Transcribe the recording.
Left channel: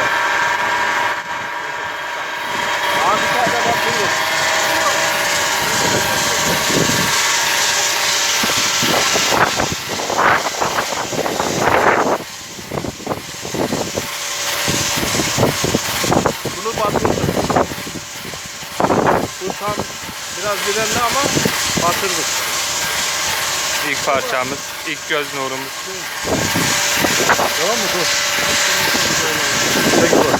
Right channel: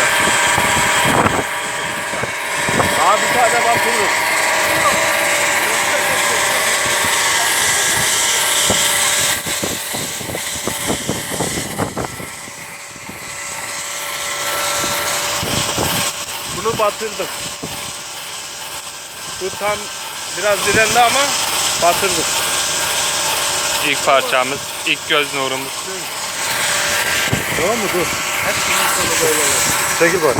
Başka. Daha bir tane bak bulur. Bunu batırdık. Bu tam biraz direnli ama batırdık. İlk parçamız, ilk göz nurumuz. Tamam mı? Dur. Hadi şunun sonu böyle olur. Peki bak.